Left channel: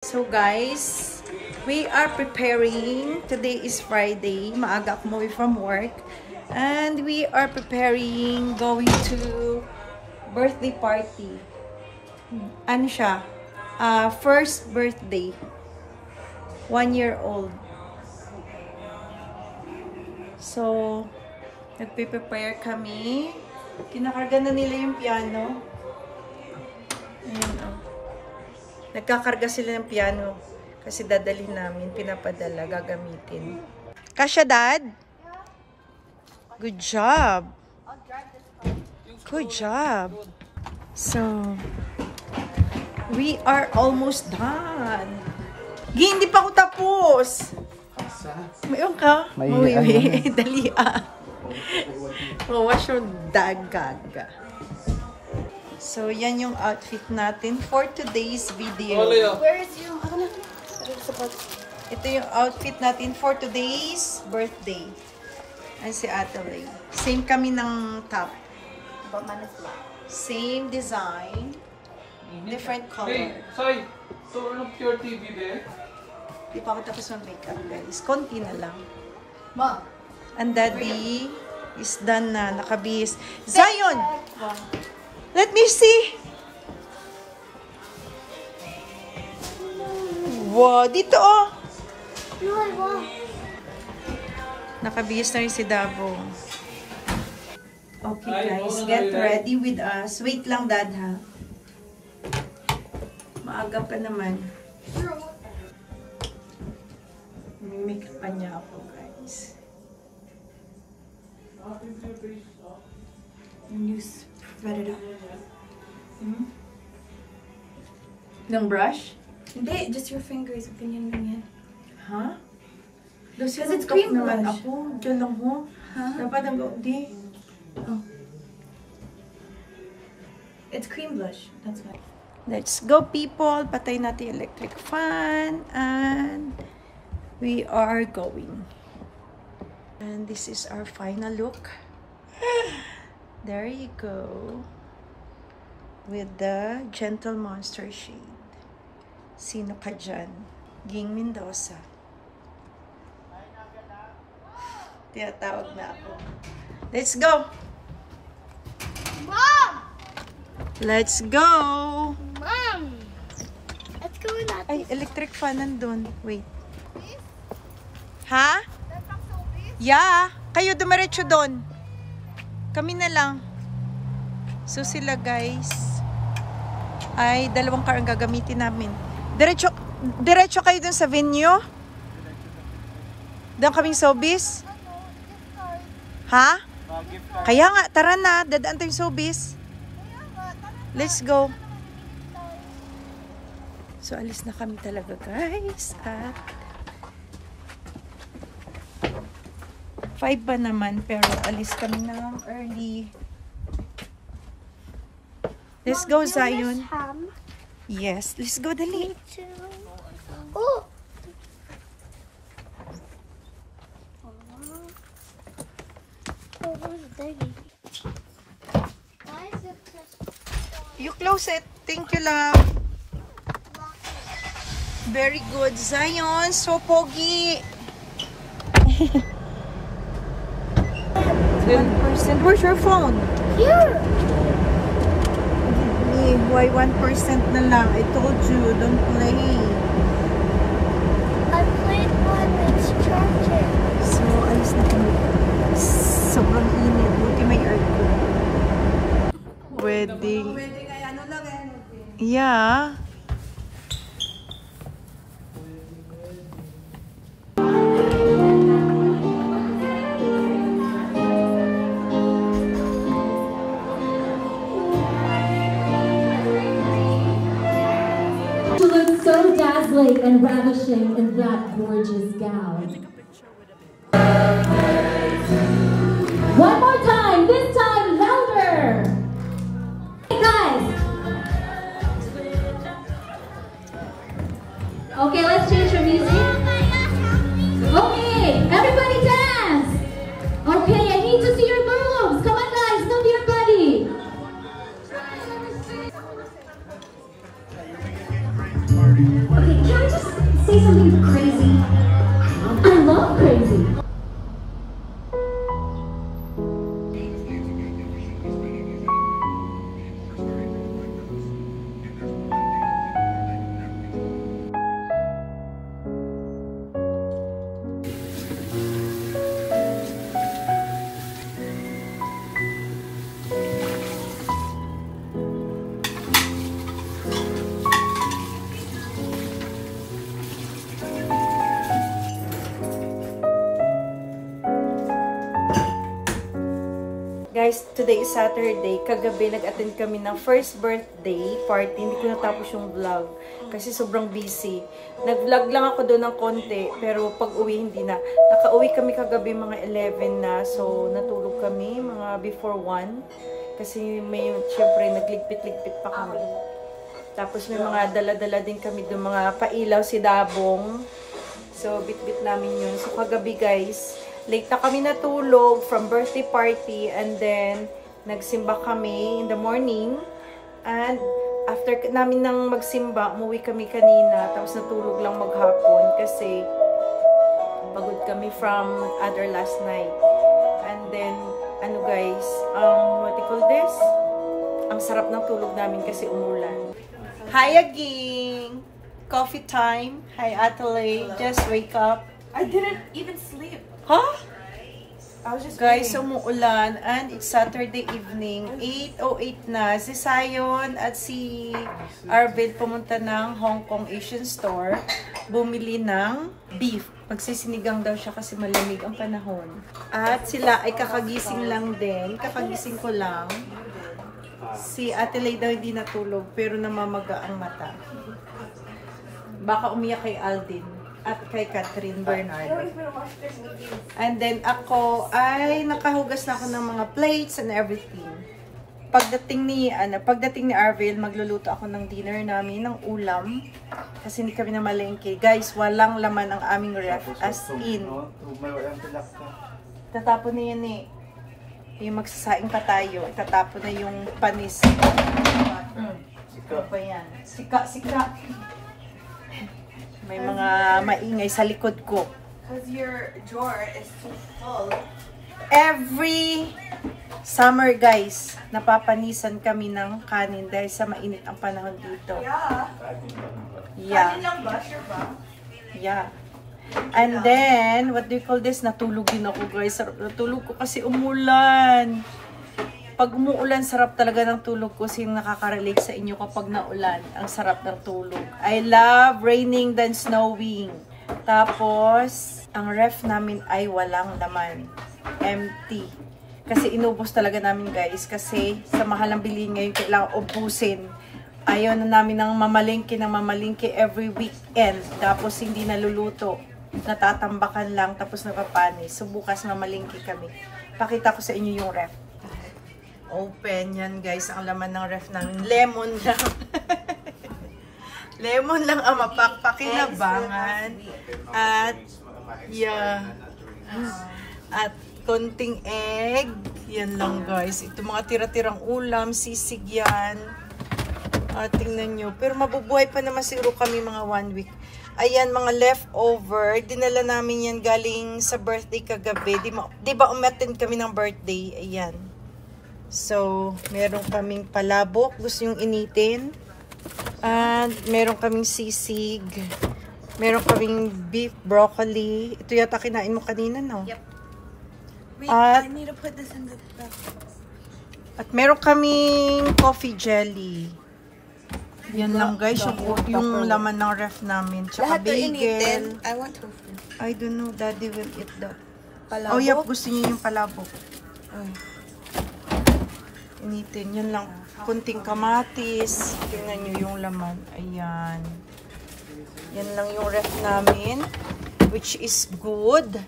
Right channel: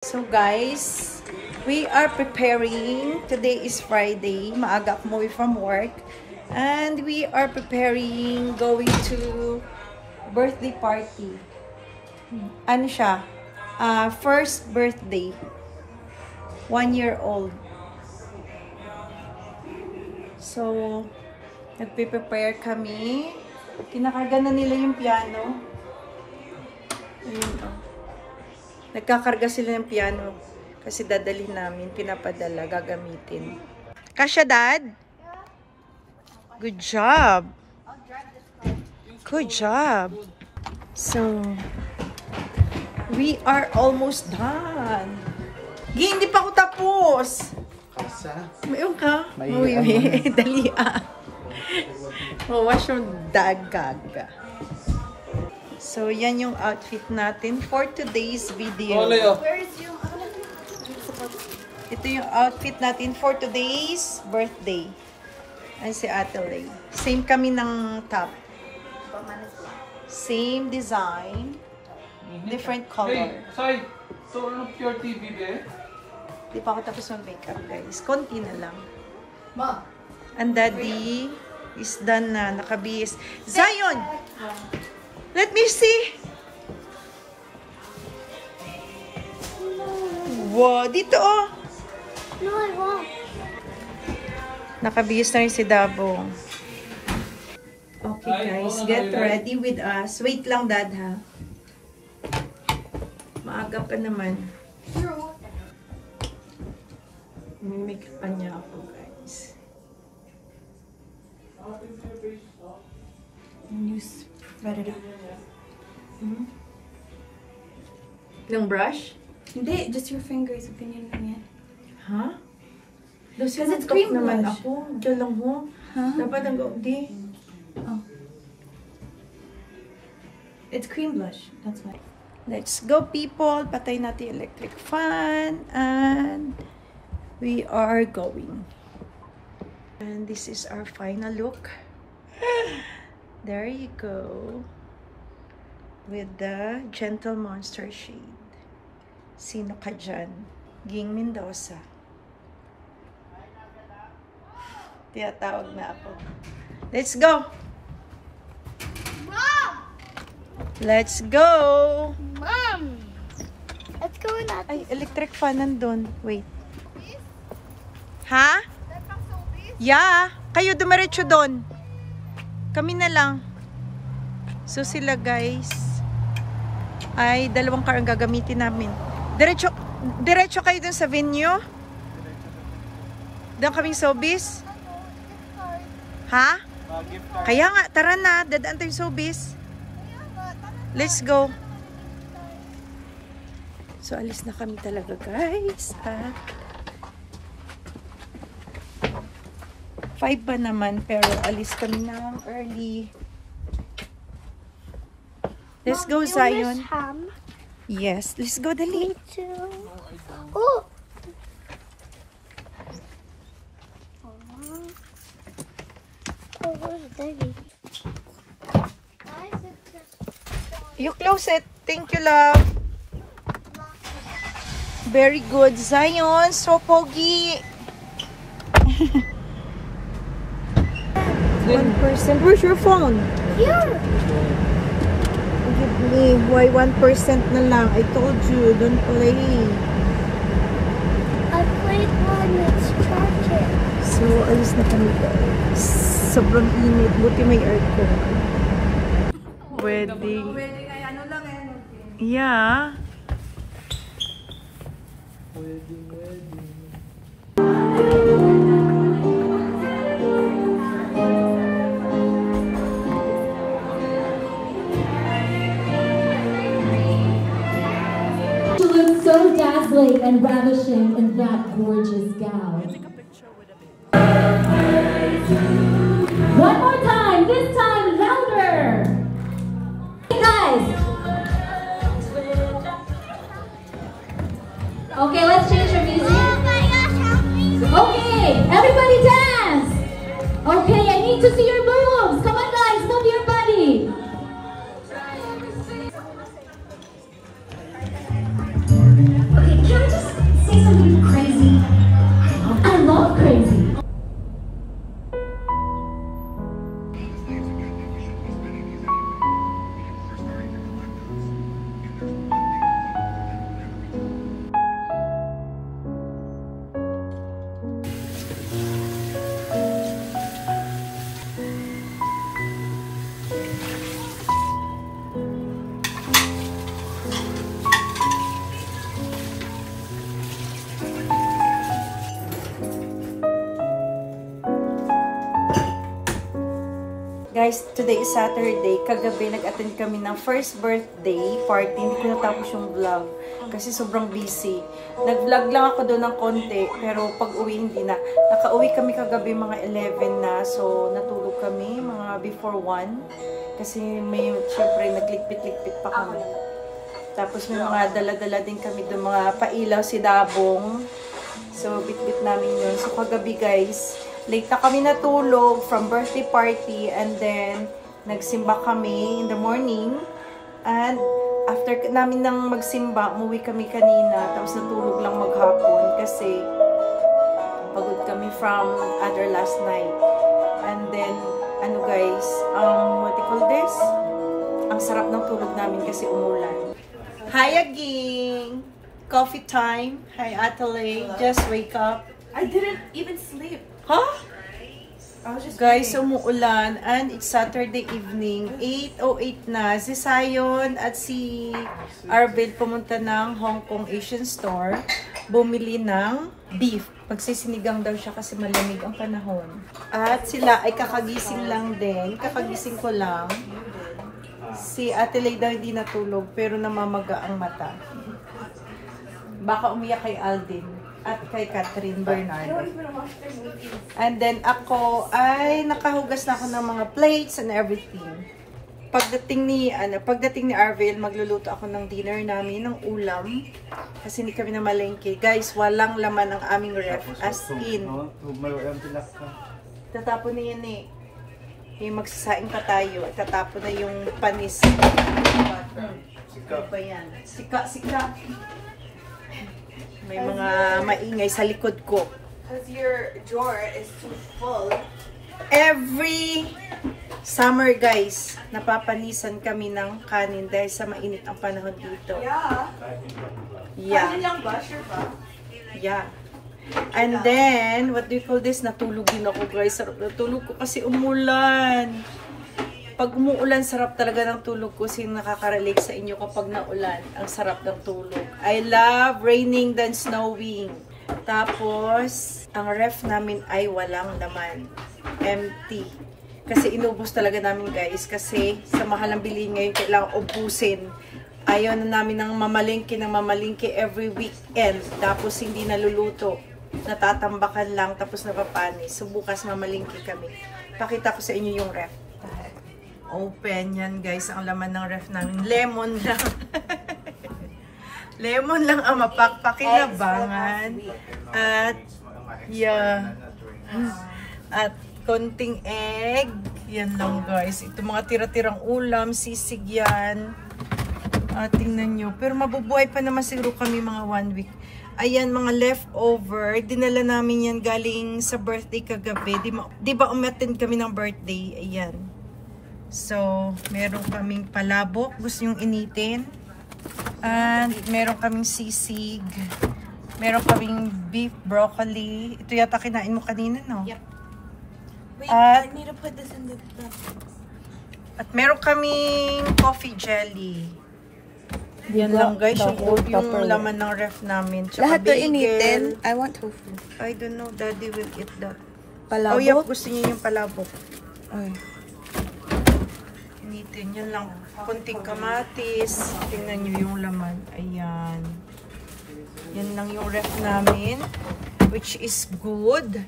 So guys, we are preparing. Today is Friday. Maaga ako umuwi from work. And we are preparing going to birthday party. Ano siya? First birthday. 1 year old. So, nagpe-prepare kami. Kinakarga na nila yung piano. Ayan, oh. Nagkakarga sila ng piano kasi dadalhin namin, pinapadala, gagamitin. Kasya, Dad? Good job. Good job. So, we are almost done. Hindi pa ako tapos. Mayroon ka? Uy, dali Mawash yung dagaga. So, yan yung outfit natin for today's video. Ito yung outfit natin for today's birthday. Ayan si Atelay. Same kami ng top. Same design. Different color. Sorry. So, look your TV there. Di pa ako tapos mag-makeup, guys. Konti na lang. Ma. And Daddy is done na. Nakabihis. Zion! Let me see. Wow, dito oh. Nakabihis na rin si Dabo. Okay guys, get ready with us. Wait lang, Dad, ha? Maaga pa naman. May make-up pa niya ako, guys. You spread it up. Ng brush? Hindi, just your fingers. Ganyan yan. Ha? Kasi nag-talk naman ako. Diyan lang ho. Huh? Dapat nag-di. Oh. It's cream blush. That's why. Let's go, people. Patay natin yung electric fan. And we are going. And this is our final look. There you go. With the Gentle Monster shade. Sino ka dyan? Ging Mendoza. Tinatawag na ako. Let's go! Mom! Let's go! Mom! Let's go in that. Ay, electric fan nandun. Wait. Ha? That's not so big. Yeah! Kayo dumiretso doon. Kami na lang. So sila guys ay dalawang car ang gagamitin namin. Diretso kayo dun sa venue? Doon kaming showbiz? Ha? Kaya nga, tara na. Dadaan tayong showbiz. Let's go. So, alis na kami talaga, guys. At 5 pa naman, pero alis kami ng early. Let's go, Zion. Yes, let's go, dali. Oh. You close it. Thank you, love. Very good, Zion. So pogi. 1%. Where's your phone? Here. Give me. Why 1% na lang? I told you, don't play. I played on its charger. So, alis na kami. Sobrang init. Buti may aircon. Wedding. Yeah. She looked so dazzling and ravishing in that gorgeous gown. One more time, this time louder. Hey guys. Okay, let's change your music. Oh my gosh, help me. Okay, everybody dance. Okay, I need to see your moves. Come on guys, move your body. Okay, absolutely crazy. I love crazy. Guys, today is Saturday. Kagabi, nag-attend kami ng first birthday party. Hindi ko natapos yung vlog kasi sobrang busy. Nag-vlog lang ako doon ng konti, pero pag uwi hindi na. Naka-uwi kami kagabi mga 11 na, so natulog kami mga before 1. Kasi may, syempre, nagligpit-ligpit pa kami. Tapos may mga dala-dala din kami doon, mga pailaw si Dabong. So, bit-bit namin yun. So, kagabi guys, late na kami natulog from birthday party, and then nagsimba kami in the morning, and after namin nang magsimba, umuwi kami kanina, tapos natulog lang maghapon kasi pagod kami from other last night. And then ano guys, what do you call this? Ang sarap ng tulog namin kasi umulan. Hi aging! Coffee time. Hi Atale, just wake up. I didn't even sleep. Huh? I was just Guys, umuulan and it's Saturday evening. 8:08 na. Si Sayon at si Arvil pumunta ng Hong Kong Asian store. Bumili ng beef. Magsisinigang daw siya kasi malamig ang panahon. At sila ay kakagising lang din. Kakagising ko lang. Si Ate Lay daw hindi natulog pero namamaga ang mata. Baka umiyak kay Aldin at kay Catherine Bernardo. And then ako ay nakahugas na ako ng mga plates and everything. Pagdating ni Arvil, magluluto ako ng dinner namin, ng ulam. Kasi hindi kami na malengke. Guys, walang laman ang aming ref. As in. Tatapon na yan eh. Yung magsasaing pa tayo. Tatapon na yung panis. Sika pa yan. Sika. May mga maingay sa likod ko. Because your drawer is too full. Every summer guys, napapanisan kami ng kanin dahil sa mainit ang panahon dito. Yeah. Kanin lang ba? Sure ba? Yeah. And then, what do you call this? Natulog din ako guys. Sarap natulog ko kasi umulan. Pag umuulan, sarap talaga ng tulog ko. Sino nakaka-relate sa inyo kapag naulan? Ang sarap ng tulog. I love raining than snowing. Tapos, ang ref namin ay walang laman. Empty. Kasi inubos talaga namin guys. Kasi sa mahal ng bilihin ngayon, kailangan ubusin. Ayaw na namin ng mamalingke every weekend. Tapos hindi naluluto. Natatambakan lang. Tapos napapanis. So bukas mamalingke kami. Pakita ko sa inyo yung ref. Open yan guys, ang laman ng ref namin. Lemon lang. Lemon lang ang mapakpakinabangan. At, yeah. At konting egg. Yan lang guys. Ito mga tira-tirang ulam, sisig yan. Tingnan nyo. Pero mabubuhay pa naman siguro kami mga 1 week. Ayan, mga leftover. Dinala namin yan galing sa birthday kagabi. Di ba umattend kami ng birthday? Ayan. So, meron kaming palabok. Gusto nyong initin. And meron kaming sisig. Meron kaming beef, broccoli. Ito yata kinain mo kanina, no? Yep. Wait, I need to put this in the cup. At meron kaming coffee jelly. Yan lang guys, yung laman ng ref namin. Tsaka bagel. I want tofu. I don't know, Daddy will eat that. Palabok? Oh, yep, gusto niya yung palabok. Ay. Initin, yan lang. Kunting kamatis. Tingnan nyo yung laman. Ayan. Yan lang yung ref namin. Which is good.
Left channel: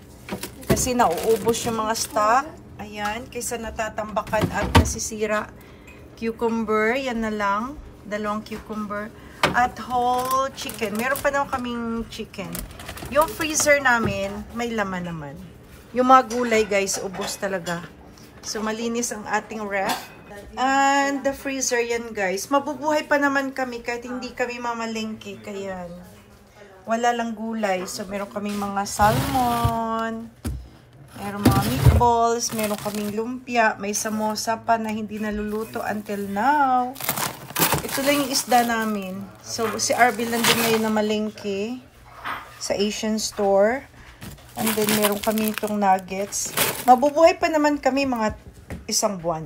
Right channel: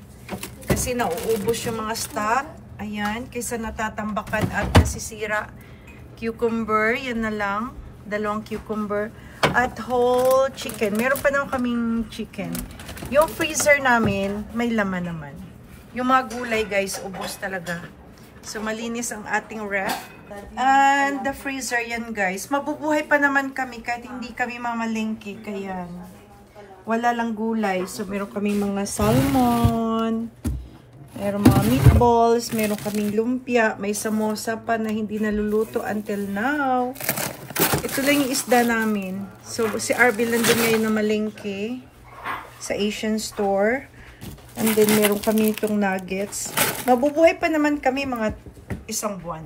Kasi nauubos yung mga stock. Ayan. Kaysa natatambakan at nasisira. Cucumber. Yan na lang. 2 cucumber. At whole chicken. Meron pa naman kaming chicken. Yung freezer namin, may laman naman. Yung mga gulay guys, ubos talaga. So malinis ang ating ref. And the freezer yan guys. Mabubuhay pa naman kami kahit hindi kami mamalengke. Kaya wala lang gulay. So, meron kaming mga salmon, meron mga meatballs, meron kaming lumpia, may samosa pa na hindi naluluto until now. Ito lang yung isda namin. So, si Arbil nandun ngayon na malengke sa Asian store. And then, meron kami itong nuggets. Mabubuhay pa naman kami mga 1 buwan.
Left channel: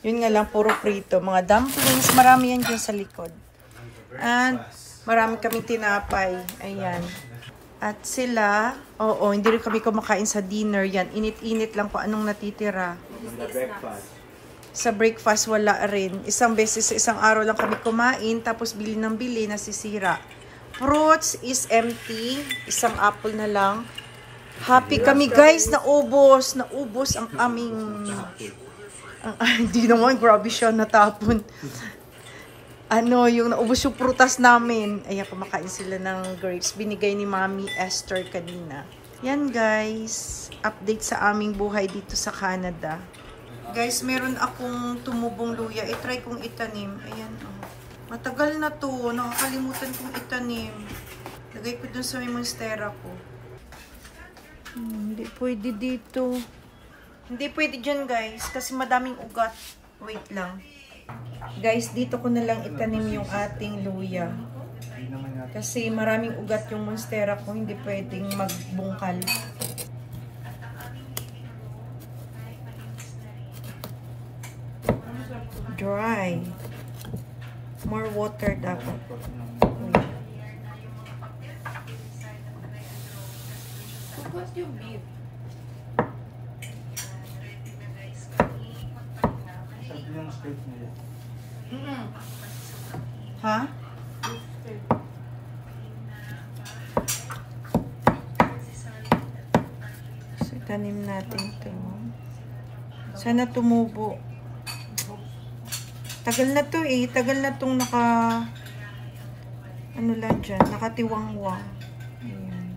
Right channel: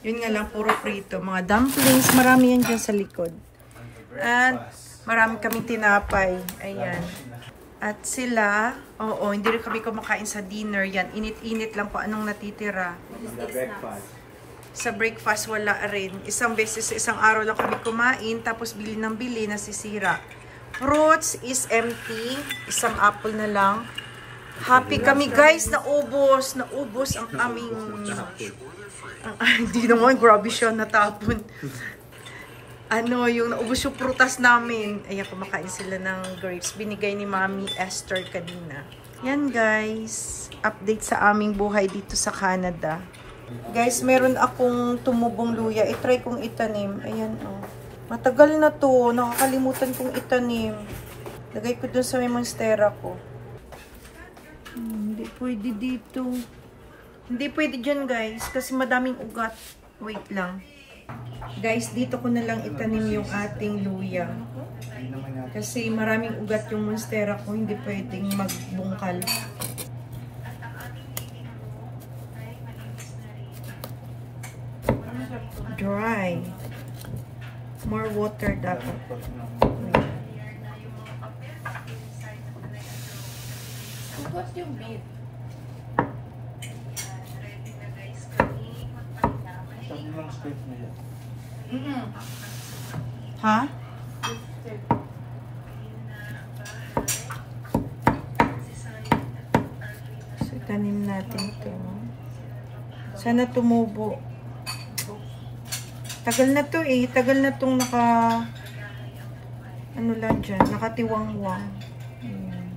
Yun nga lang, puro prito. Mga dumplings, marami yan dyan sa likod. And, marami kaming tinapay. Ayan. At sila, oo, hindi rin kami kumakain sa dinner yan. Init-init lang po anong natitira. Sa breakfast, wala rin. Isang beses, isang araw lang kami kumain, tapos bili ng bili, nasisira. Fruits is empty. Isang apple na lang. Happy kami guys, naubos. Naubos ang aming... Hindi naman, grabe siya natapon. Yung naubos yung prutas namin. Ayan, kumakain sila ng grapes. Binigay ni Mami Esther kanina. Yan guys, update sa aming buhay dito sa Canada. Guys, meron akong tumubong luya. I-try kong itanim. Ayan, oh. Matagal na to. Nakakalimutan kong itanim. Lagay ko dun sa may monstera ko. Hindi pwede dito. Hindi pwede dyan guys. Kasi madaming ugat. Wait lang. Guys, dito ko na lang itanim yung ating luya. Kasi maraming ugat yung monstera ko. Hindi pwedeng magbungkal. Dry. More water dapat. What's your beef? Ha? So, tanim natin to. Sana tumubo. Tagal na to eh. Tagal na tong ano lang dyan. Nakatiwangwang. Ayan.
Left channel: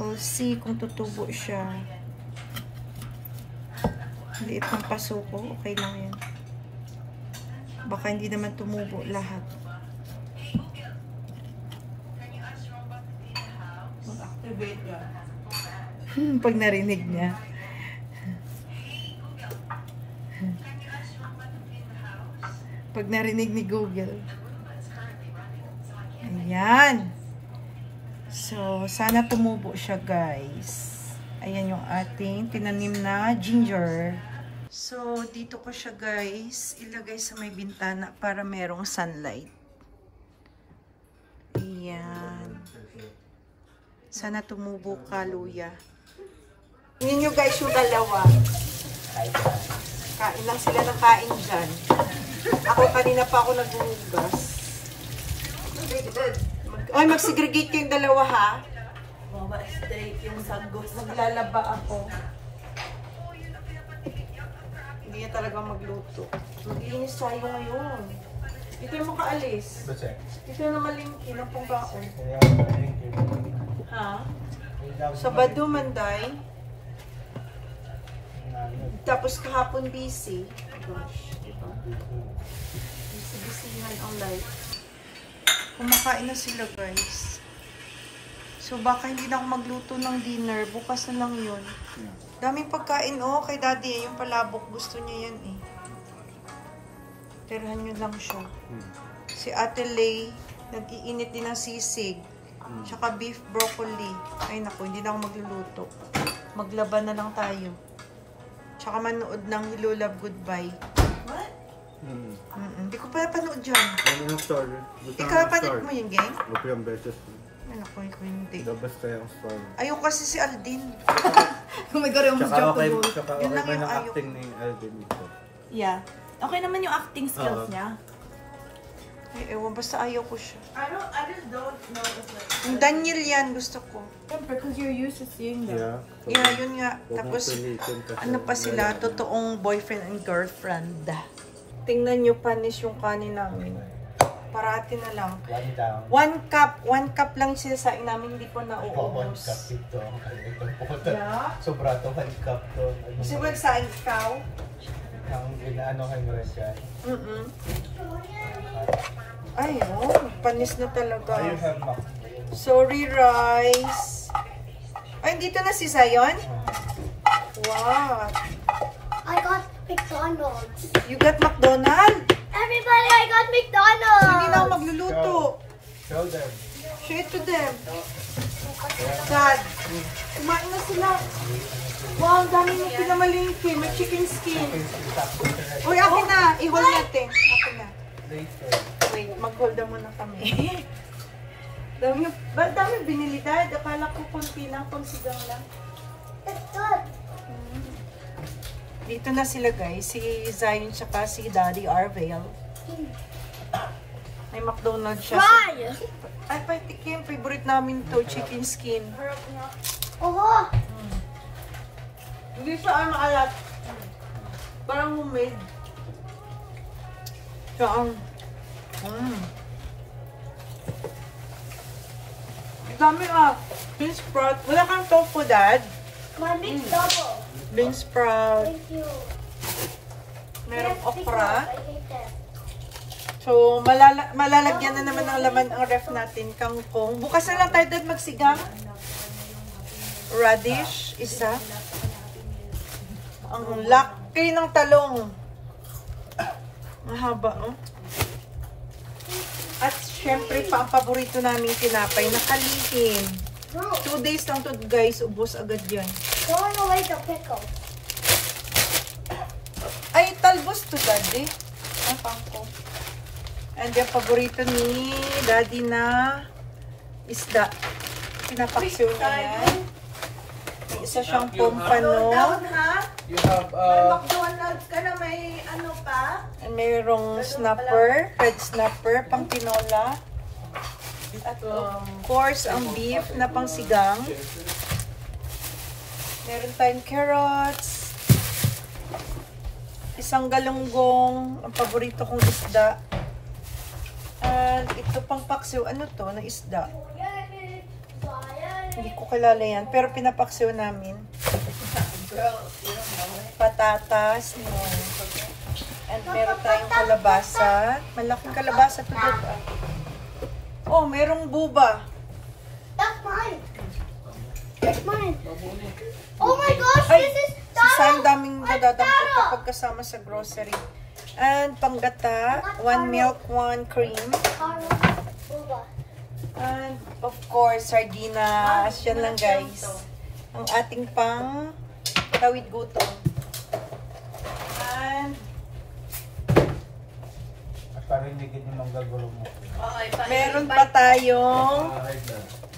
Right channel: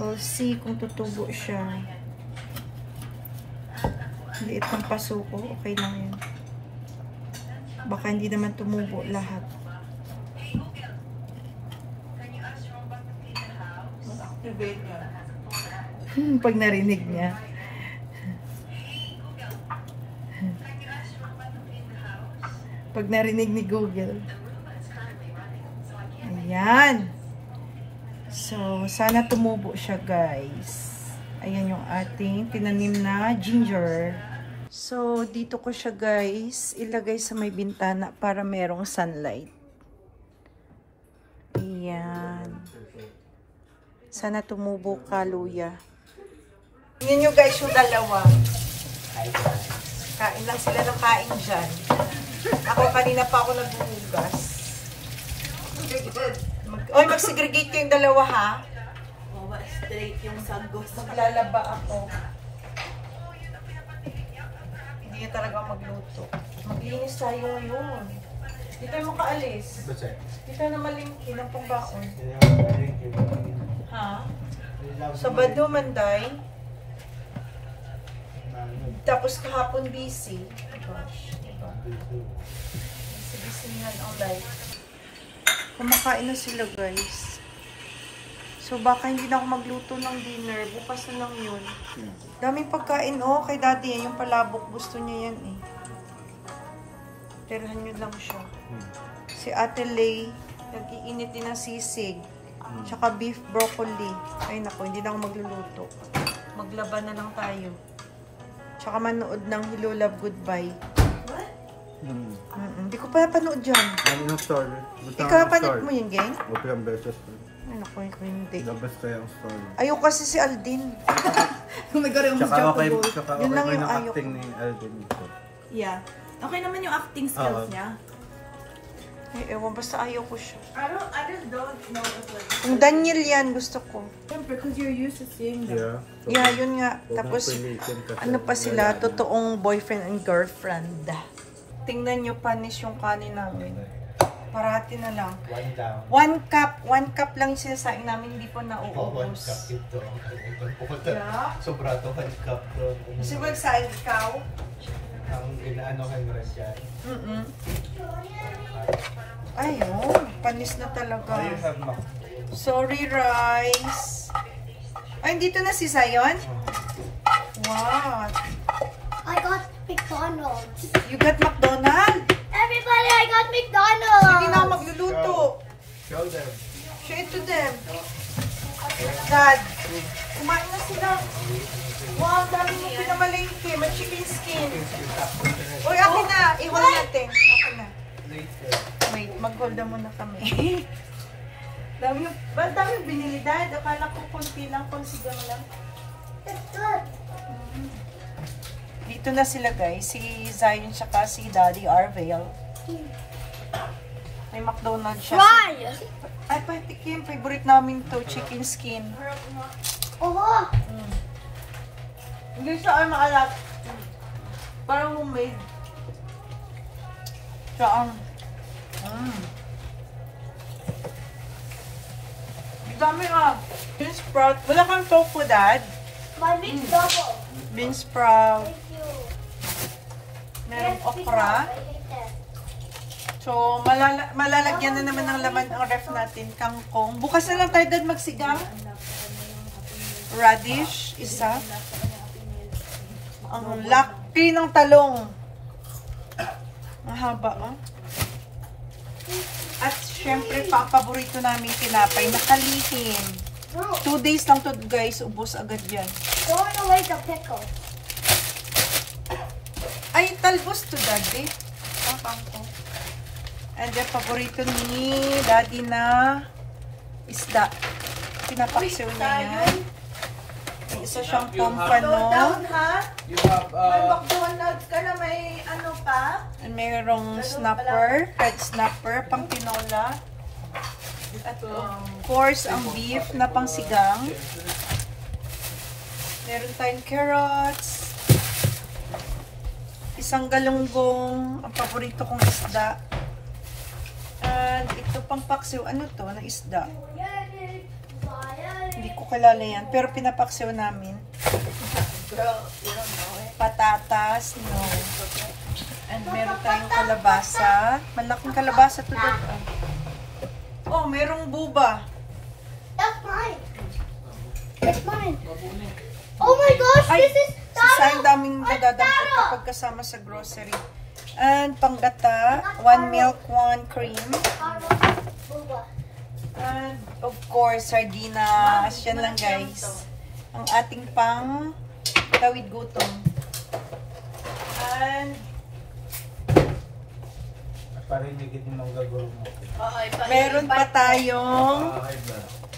We'll see kung tutubo siya. Liit ng paso ko. Okay lang yan. Baka hindi naman tumubo lahat. Pag narinig niya. Pag narinig ni Google. Ayan. So, sana tumubo siya, guys. Ayan yung ating tinanim na ginger. So, dito ko siya, guys, ilagay sa may bintana para merong sunlight. Ayan. Sana tumubo ka, luya. Tingnan nyo, guys, yung dalawa. Kain lang sila ng kain dyan. Ako kanina pa ako naghuhugas. Oy, mag-segregate kayong dalawa, ha? Maglalaba ako. Hindi niya talaga magluto. Mag-inis tayo yun. Dito yung makaalis. Dito na malingkin ang pungkaon. Ha? Sabado, Manday. Tapos kahapon busy. Gosh, diba? Busy nga ang life. Kumakain na sila, guys. So, baka hindi na ako magluto ng dinner. Bukas na lang yun. Daming pagkain, oh. Kay daddy, yung palabok. Gusto niya yan, eh. Tirahan nyo lang siya. Si Ate Lay, nag-iinit din ng sisig. Tsaka beef broccoli. Ay, naku, hindi na ako magluluto. Maglaban na lang tayo. Tsaka manood ng Hello Love Goodbye. What? Hindi ko pa napanood dyan. Ano yung story? Ikaw, panood mo yung gang? Okay, ang beses. Ay, naku, hindi. The best kaya ang story. Ayaw kasi si Aldin. Tsaka okay Yun lang ba yung ng ayaw acting ko. ni Alvin dito? Yeah. Okay naman yung acting skills niya. Eh, ewan, basta ayaw ko siya. I just don't know if like... Yung Daniel yan, gusto ko. Because you're used to seeing them. Yeah. So, Yeah, yun nga. huwag Tapos, mong pilitin kasi ano pa sila, wala. totoong boyfriend and girlfriend. Tingnan nyo, panis yung kanin namin. Parati na lang. 1 cup lang sinasaing namin, hindi ko nauubos. Yeah? Sobra to, 1 cup to. Kasi magsaing ikaw? Ang inaano kayo na siya. Ay, oh, panis na talaga. I have mac. Sorry, rice. Ay, dito na si Zion? What? I got McDonald's. You got McDonald's? Everybody, I got McDonald's. Hindi na ako magluluto. Show them. Show it to them. Dad, kumain na sila. Wow, ang dami mo pinamalingki. May chicken skin. Uy, akin na. Iwan natin. Akin na. Wait, mag-hold na muna kami. Dami binili, Dad. Akala ko konti lang, consider lang. It's good. Dito na sila, guys. Si Zion tsaka si Daddy Arvale. May McDonald's siya. Try. Ay, patikim. Favorite namin to, chicken skin. Oh. Hindi siya ay maalat. Parang homemade. Saan? Dami ah. Bean sprout. Wala kang tofu, Dad? My big double. Bean sprout. Thank you. Merong Yes, because okra. I hate that. So, malalagyan na naman ng laman ang ref natin. Kangkong. Bukas na lang tayo, Dad, magsigang. Radish, isa. Ang laki ng talong. Mahaba, oh. At syempre, pa ang paborito namin tinapay na kalihim. No, 2 days lang to, guys. Ubos agad yan. throwing away the pickle. Ay, talbos to, Daddy. Ang kangkong. And then, paborito ni Daddy na isda. Pinapaksiw niya yan. May isa siyang pompano. You have McDonald's ka na may ano pa? And mayroong snapper, red snapper, pang tinola. At of course, ang beef na pang sigang. Meron tayong carrots. Isang galunggong, ang paborito kong isda. At ito pang paksiw, ano to, na isda. Hindi ko kilala yan, pero pinapaksiw namin. Patatas, no. And meron tayong kalabasa. Malaking kalabasa to, Dad. Oh, merong buba. That's mine. It's mine. Oh my gosh, Ay, this is sasayang daming dadadampot kapag kasama sa grocery. And panggata, 1 milk, 1 cream. And of course, sardinas. Yan lang, guys. Ang ating pang tawid gutom. And Parang hindi kita magagulo mo. meron pa tayong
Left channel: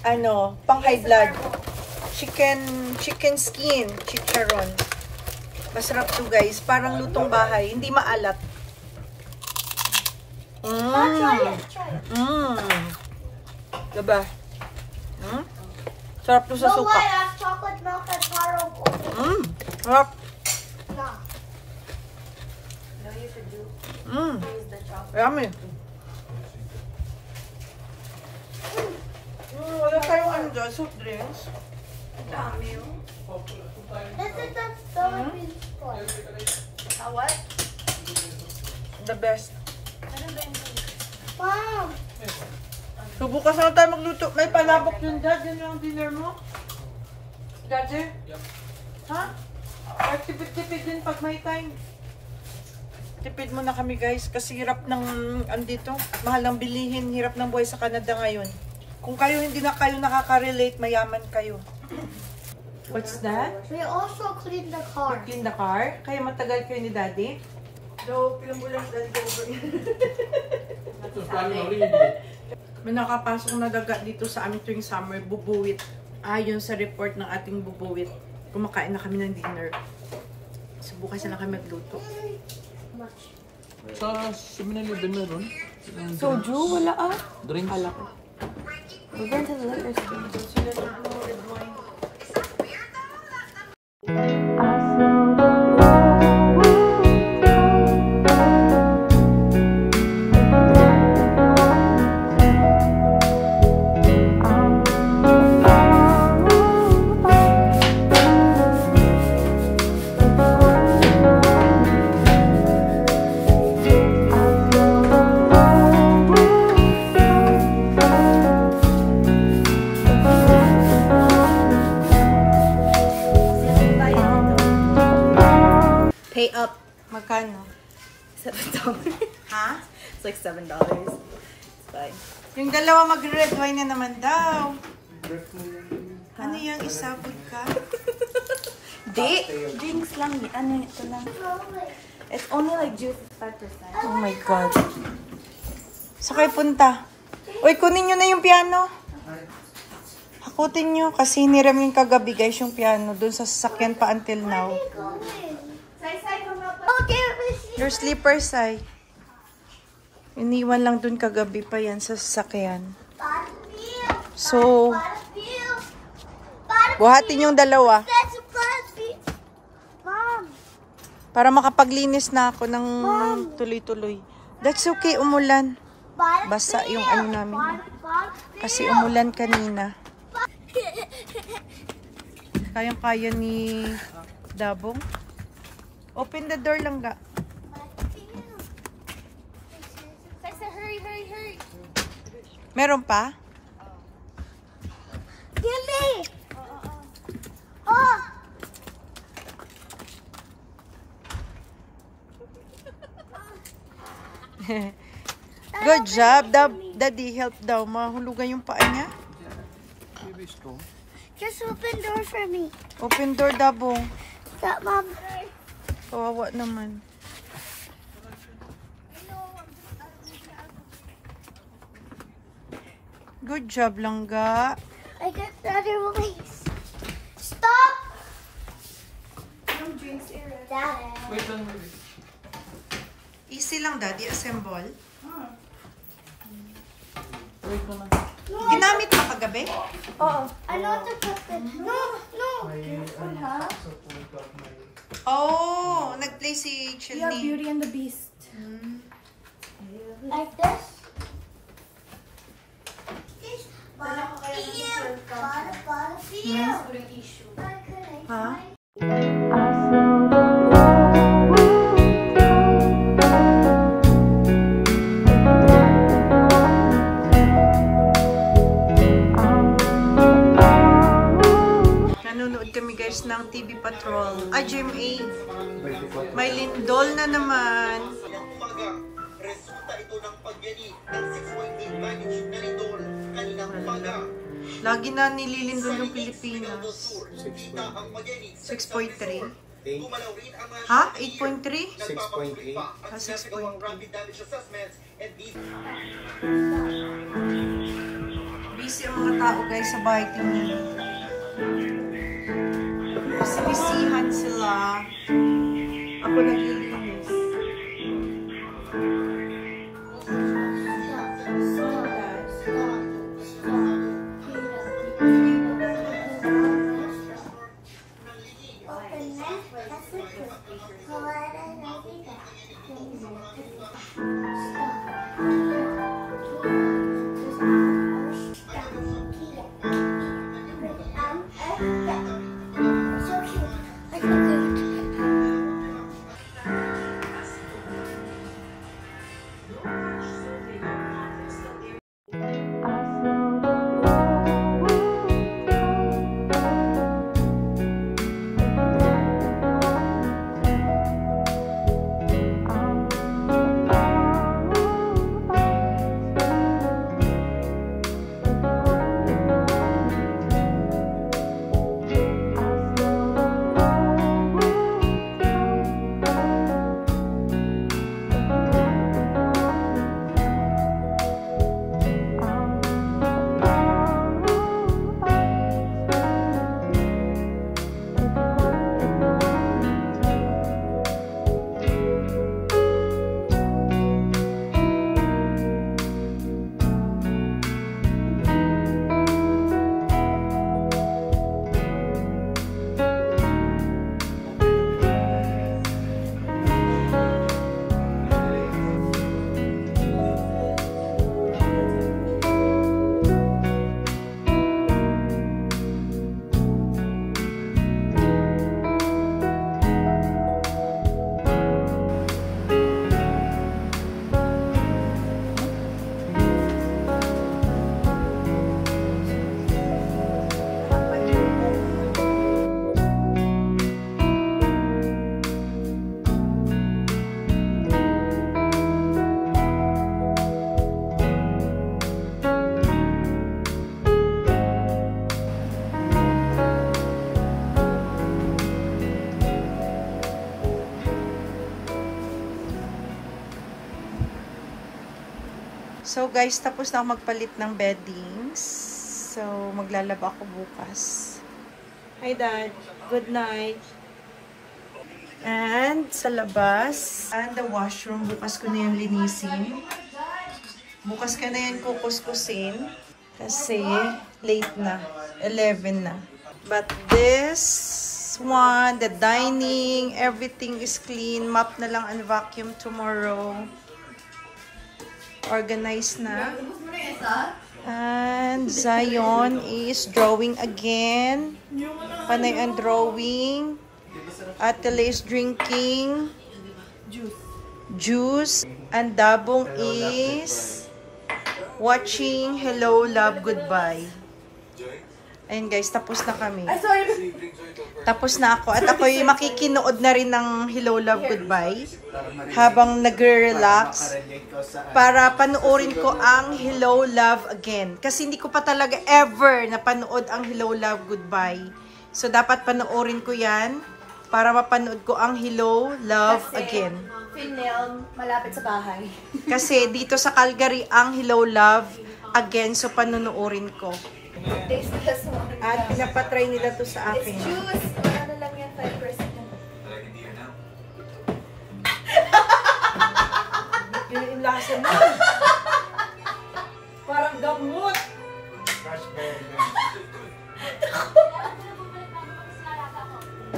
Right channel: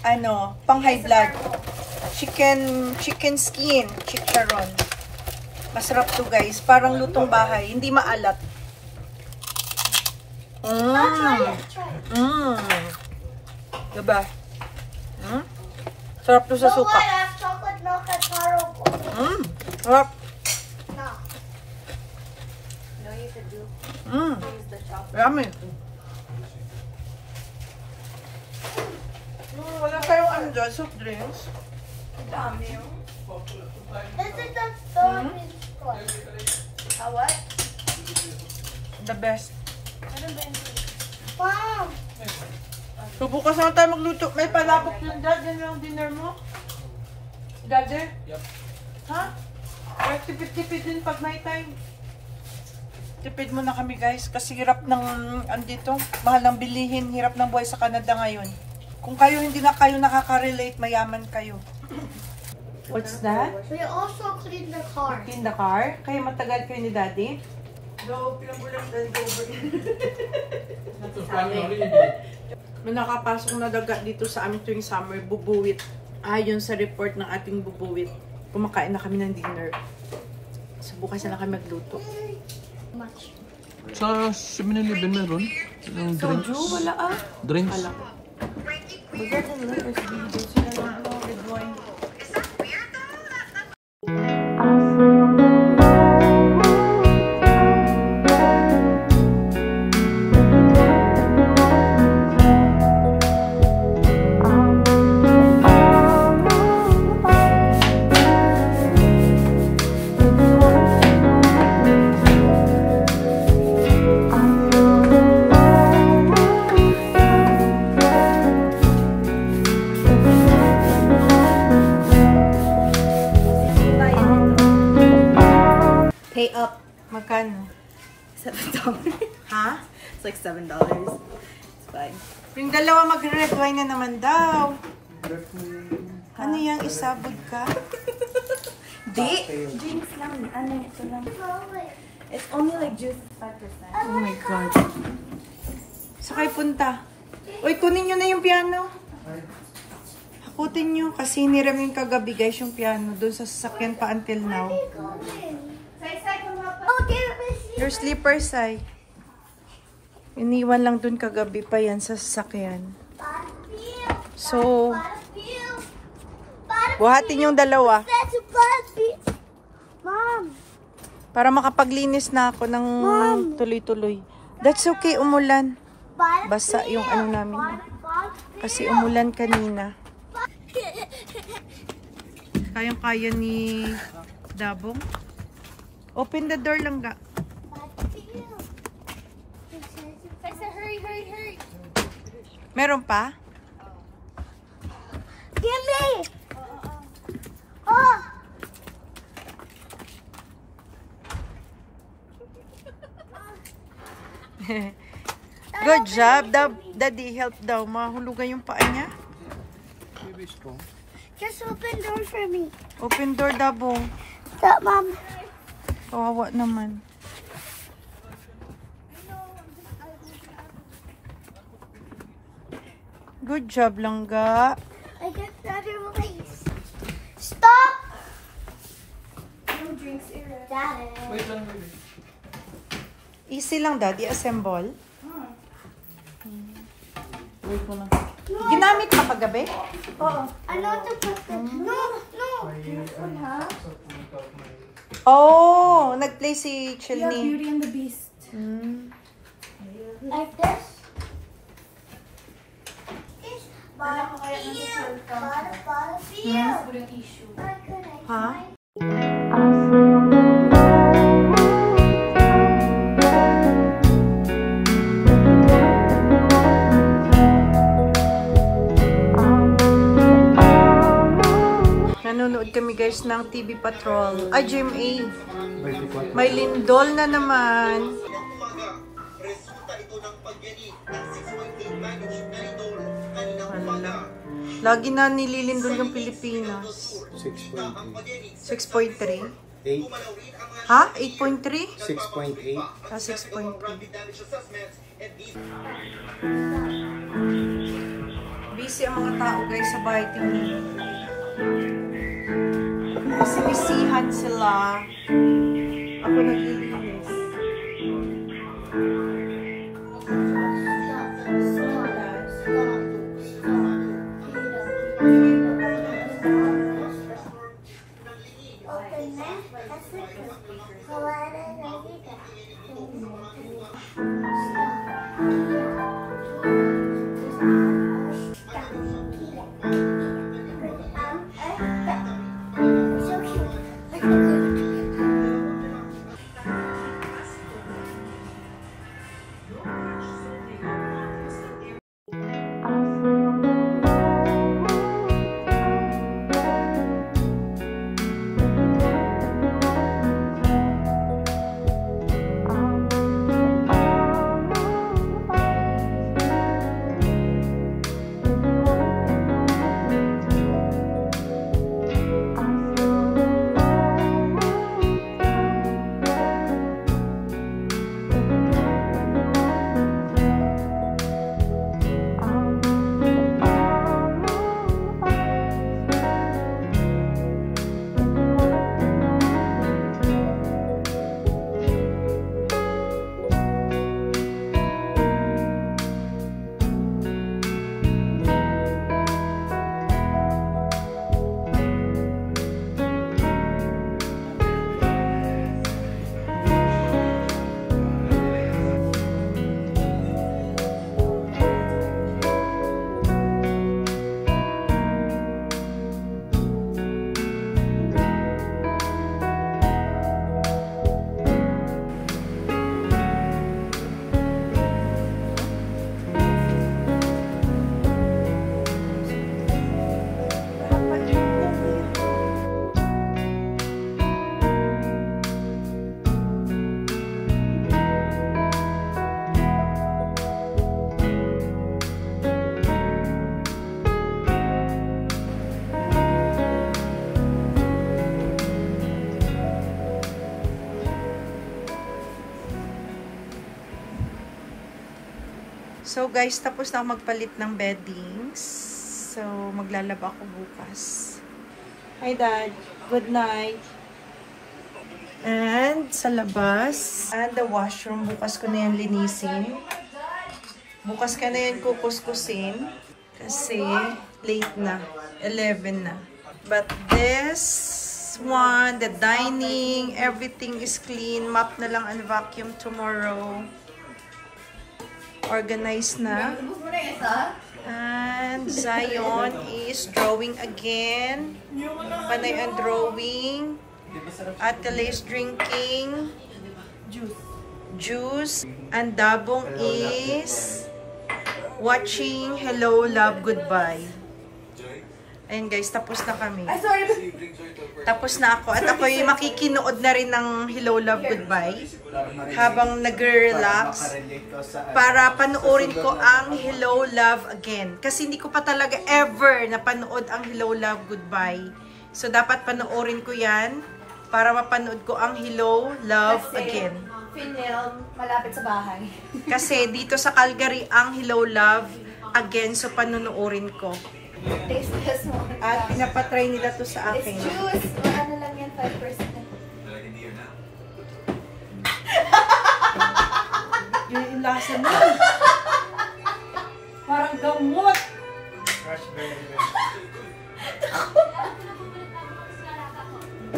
ano, pang high blood. Chicken skin, chicharon. Masarap to, guys. Parang lutong bahay. Hindi maalat. Diba? Sarap to sa No, suka. I have chocolate milk and taro. Sarap. No. Yummy. Wala tayong ano dyan, soft drinks. This is the Philippines one. What? The best. Mom. So, bukas na tayo magluto. May palabok yung Dad. Yan lang dinner mo? Daddy? Yep. Ha? Or tipid-tipid din pag may time. Tipid muna kami, guys. Kasi hirap ng, andito, mahal ang bilihin. Hirap ng buhay sa Canada ngayon. Kung kayo hindi na kayo nakaka-relate, mayaman kayo. What's that? We also cleaned the car. In the car? Kaya matagal kayo ni Daddy? No, pilang bulan Daddy over May nakapasok na daga dito sa amin tuwing summer, bubuwit. Ayon sa report ng ating bubuwit, kumakain na kami ng dinner. So bukas na lang kami magluto. Sa 7-Eleven meron. Yung drinks. Wala ah. Drinks. Sila lang red wine. Magkano? $7. Ha? It's like $7. It's fine. Yung dalawa mag-red wine na naman daw. Ano yung isabog ka? Di? Drinks lang. Ano ito lang? It's only like juice is 5%. Oh my God. Sa kayo punta? Uy, kunin nyo na yung piano. Hakutin nyo kasi niram yung kagabi guys yung piano doon sa sasakyan pa until now. Your slippers ay. Iniwan lang doon kagabi pa yan sa sasakyan. So, buhatin yung dalawa. Para makapaglinis na ako ng tuloy-tuloy. That's okay, umulan. Basa yung ano namin. Kasi umulan kanina. Kayang-kaya ni Dabong. Open the door lang ga. Hurry, hurry, hurry. Meron pa? Give me. Oh. Good job. Daddy, help daw. Mahulugan yung paa niya. Just open door for me. Open door, Dabong. Stop, Mom. Kawawa naman. Good job, Langga. I got better release. Stop. No drinks here. Daddy. Wait lang, wait. Easy lang, Daddy. Assemble. Wait mo lang. Ginamit pa kagabi? Oh, I know to put the. No, no. Oh, nag-play si Yeah, Chilney. Beauty and the Beast. Like this. Ha? Nanonood kami guys ng TV Patrol. Ay, GMA. May lindol na naman. Resulta ito ng pagyani ng 6.8 magnitude na lindol kaninang umaga. Lagi na nililindol yung Pilipinas. Ang pagyani 6.3. gumalaw rin ang mga Ha? 8.3? 6.8. Ah, 6.3. rapid damage assessments and these Busy ang mga tao guys sa bahay kami. Kasi bisihan sila. Ako naglilinis. So guys, tapos na ako magpalit ng beddings. So maglalaba ako bukas. Hi Dad, good night. And sa labas, and the washroom, bukas ko na yan linisin. Bukas ka na yan kukuskusin. Kasi late na, 11 na. But this one, the dining, everything is clean. Mop na lang and vacuum tomorrow. Organized na. And Zion is drawing again. Panay ang drawing. Atala is drinking juice. And Dabong is watching Hello, Love, Goodbye. Ayun guys, tapos na kami. Tapos na ako. At ako'y makikinood na rin ng Hello, Love, Goodbye habang nag-relax para panoorin ko ang Hello, Love again. Kasi hindi ko pa talaga ever napanood ang Hello, Love, Goodbye. So dapat panoorin ko yan para mapanood ko ang Hello, Love again. Film malapit sa bahay. Kasi dito sa Calgary ang Hello, Love again. So panonoorin ko. Tasteless mo. At pinapatry nila to sa akin. It's juice. Ano lang yan, 5%. Yung lasa na. Parang gamot. Raspberry.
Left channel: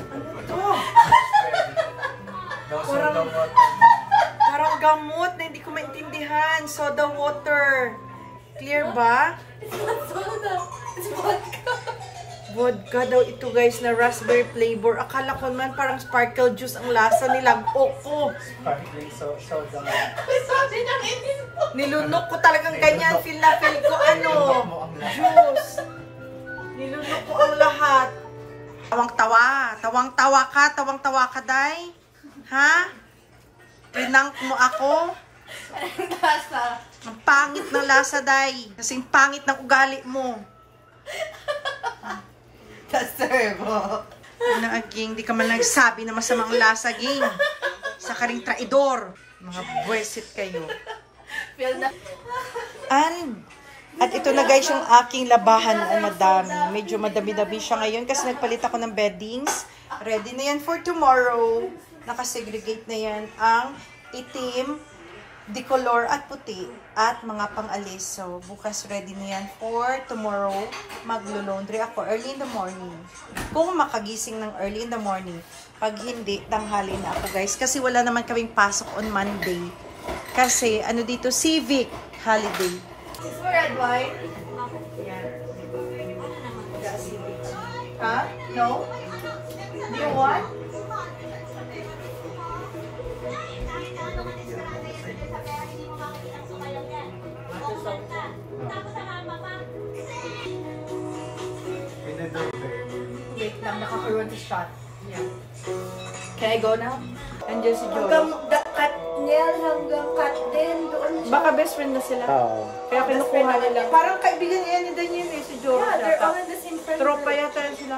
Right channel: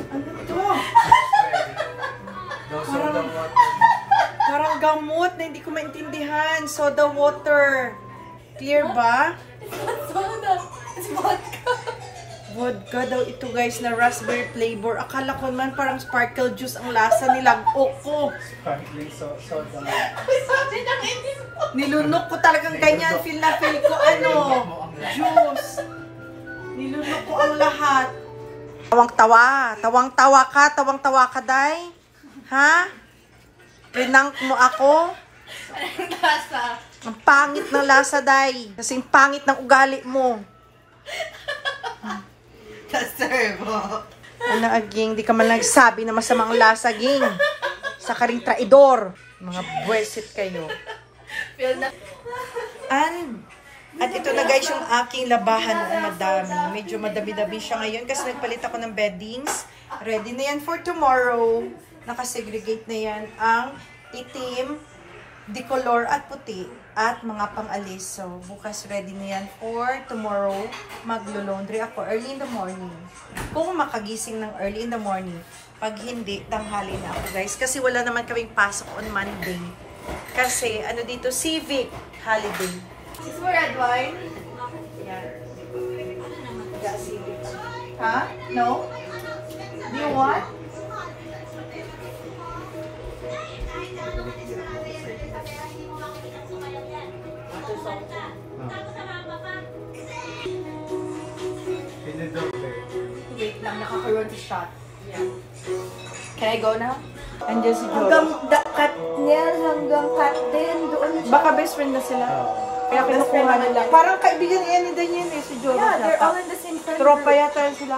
Ano to? Parang gamot na hindi ko maintindihan. Soda water. Clear ba? It's vodka. Vodka daw ito guys na raspberry flavor. Akala ko naman parang sparkle juice ang lasa nila. Oo. Sparkling soda. Nilunok ko talagang ganyan. Feel na feel ko ano. Juice. Nilunok ko ang lahat. Tawang-tawa. Tawang-tawa ka, day. Ha? Rinang mo ako. Anong lasa? Ang pangit ng lasa, day. Kasi ang pangit ng ugali mo. Ano, aging, di ka man nagsabi na masamang lasa, ging. Sa karing traidor. Mga buwesit kayo. At ito na guys yung aking labahan na madami. Medyo madami-dami siya ngayon kasi nagpalit ako ng beddings. Ready na yan for tomorrow. Nakasegregate na yan ang itim, decolor at puti at mga pang-alis. So, bukas ready na yan for tomorrow. Maglo-laundry ako early in the morning. Kung makagising ng early in the morning. Pag hindi, tanghali na ako guys. Kasi wala naman kaming pasok on Monday. Kasi ano dito, civic holiday. Is mo red wine? Ha? No? Do you want? Wait lang, nakakuha sa shot. Yeah. Can I go now? Andiyan si Joro. Hanggang cut nail, hanggang cut din doon siya. Baka best friend na sila. Kaya kinukuha nila. Parang kaibigan niya ni Daniel eh, si Joro. Yeah, they're yata. all in the same friend Tropa group. yata yan sila.